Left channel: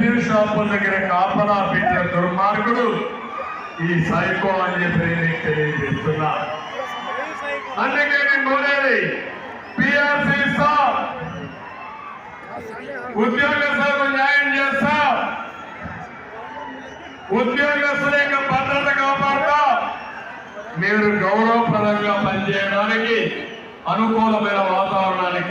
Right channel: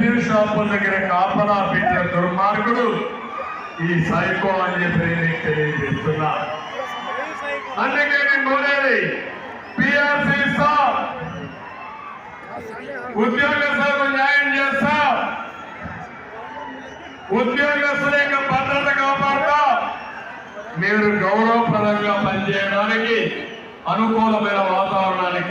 మద్యం షాపుల దగ్గర కాపలా పెట్టిన దుర్మార్గుడు ఈ సైకో అని చెప్పి నేను తెలియజేస్తున్నా. అందుకే నేను కోరేది పిఆర్సీ సార్ ఉద్యోగస్తులకు న్యాయం చేస్తా. ఉద్యోగస్తుల యొక్క భద్రత కాపాడుతా. మీరు గౌరవప్రదంగా పనిచేయడానికి అనుకూలమైన వాతావరణానికి